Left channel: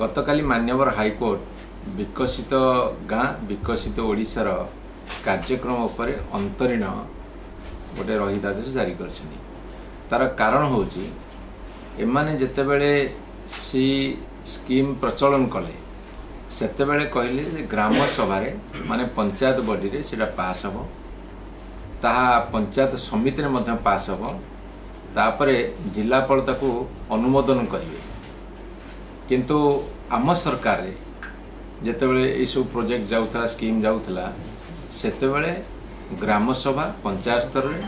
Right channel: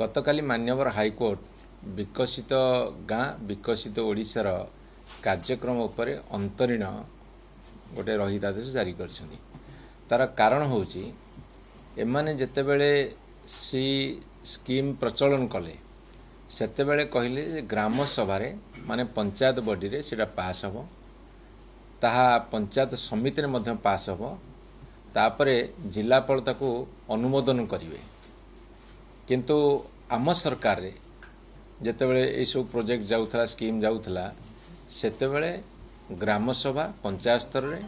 गतकाली मान्यवर हाईकोर्ट विकसित गाँ विकसित ओडिशार कार्यक्रम उपर अंतरीण गोटे रहितादेश जारी कर तार कारण होची एमाने जेतेबेले सी स्कीम प्रचलन कले सेतेबेले कहले ग्राम सभा माने पंचायत बॉडी रे सेटा पास हबो ताहा पंचायत समिति रे मध्य पास हबो तापरे जिलापाल ताको अनुमोदन करिवे किंतु आम सरकार रे जेतेबेले ए सब प्रोजेक्ट जाउथा स्कीम जाउथला सेतेबेले ग्राम सभा पंचायत स्तर रे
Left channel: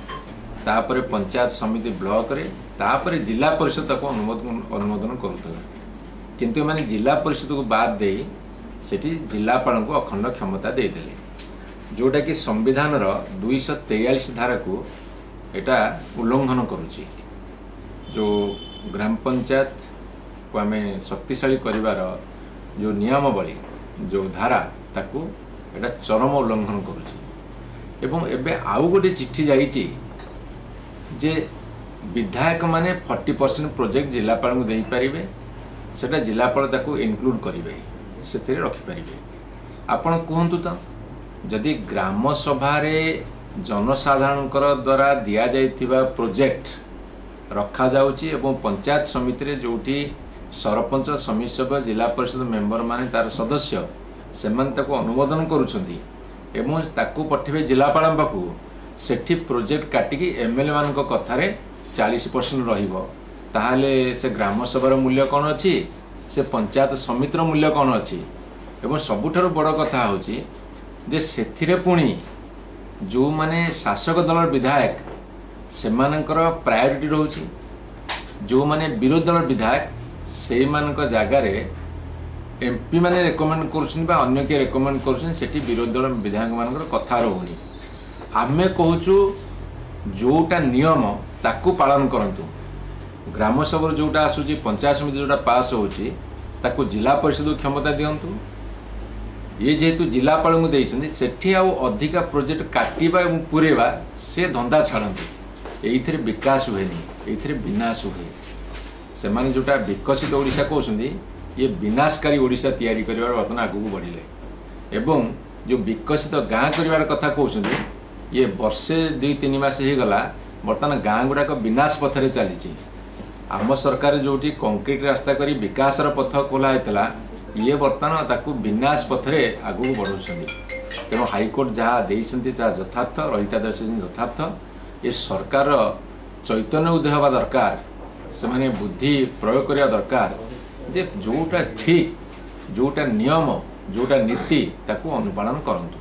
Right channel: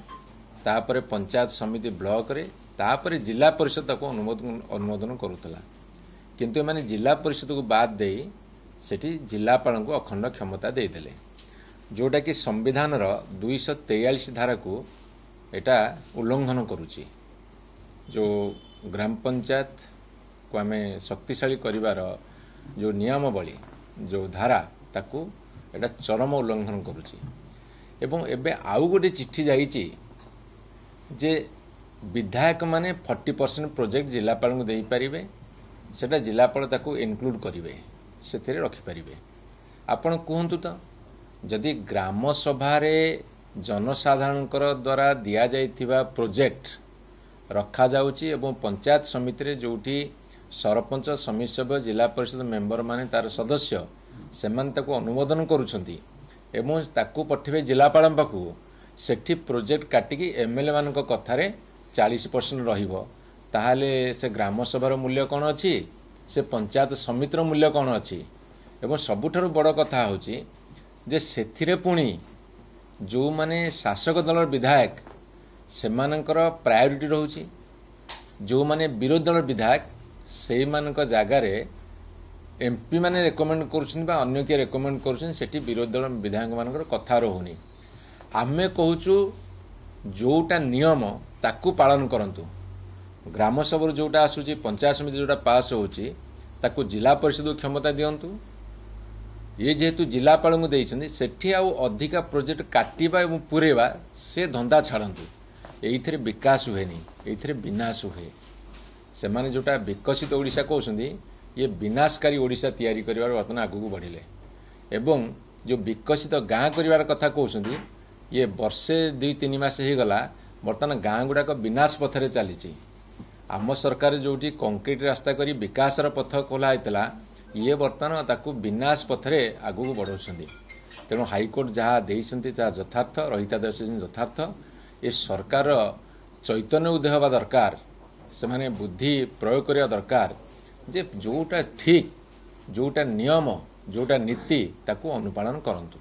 तापरे पंचायत समिति ब्लॉक रे तापरे जिला परिषद ताको अनुमोदन करूथला किंतु माने जिला परिषद को बाद दे सेठी जिलापाल को अखंड क्षमता देदेले जोटा कि संविधान रो 243 धारा को एटा उल्लंघन करुची जो ग्राम पंचायत को आमे शक्तिशाली करिवार जो नियमावली जो धारा ताकू एटा चरम उल्लंघन करुची एवं एबे आउ गोटे चिट्ठी जाईची जे विधायक माने 40% प्रोजेक्ट जिलापाल को देई परिबे सेटा जिलापाल ताकू इनक्लूड करिवे सेथिरे रखि परिबे आपण कहंतु तो जदि ग्राम सभा रे जनसाधारणकर द्वारा दिया जाइथिबा प्रोजेक्ट रखा जाउची एवं पंचायत समिति रे जोठी सरपंच समिति सभ्य जिला परिषद मेंबर माने तार सदस्य सेमान ताको अनुमोदन करूछंती एवं ताको पठिबे जिलापाल पाखु सेठी प्रोजेक्ट काटिकी एमएलए मान को कथारे 40% रहिबो ताहाले से ग्राम सभार मूल्य कौन अच्छी से पंचायत समितिर मूल्य कौन अच्छी एवं सबुठारु बड़ कथा होची जे सेथिरे पुणी जो माने शासक दल विधायक से मानकर प्रायोरिटी रहउची जो माने विरोधी दल विधायक से मानक जगह रे एमपी माने रेकमेंड करछन बा अन्य के रेकमेंड करछन सेठी विरोधी दल विधायक मानकर कथा रहउनी आमे कहूचु जोटा नियम ताकू पालन करंतु ग्राम सभा जोटा आसूची पंचायत समिति जोटा पास होची ताकू जिला परिषद क्षमता दियंतु ये जेहेतु जिलापाल को देइछन्ती सेठी आउ अधिका प्रोजेक्ट काटिबा एवं पुरेबा से धंदा छाड़ंतु एइथिरे विकास हुएनी एइथिरे विनाश हुए से माने जोटा विकसित ओडिशा कहउछन्ती ये विनाशकारी ओडिशा तैयारी करिवार वर्तमान आगु बढ़िले एवं जो विकसित गाँ करिवार कथा कहउछन्ती ये वर्षे 2-3 मास हे गला वर्तमान गाँ गुड़ाक विनाश पथरे चली आम सरकार जोटी कंक्रीट रास्ता करी विकास पथ खोला होता ये बर्तमान ताकू विनाश पथरे आगू बढ़ाऊँ तेणु हाईकोर्ट जहाँ देती यथार्थ रहितादेश यथार्थ ये सरकार चैतन्य उदय हवा दरकार से माने बुद्धि प्रयोग करने दरकार जे जोटा ठीक जोटा नियम जोटा नीति ताकू अनुपालन करंतु।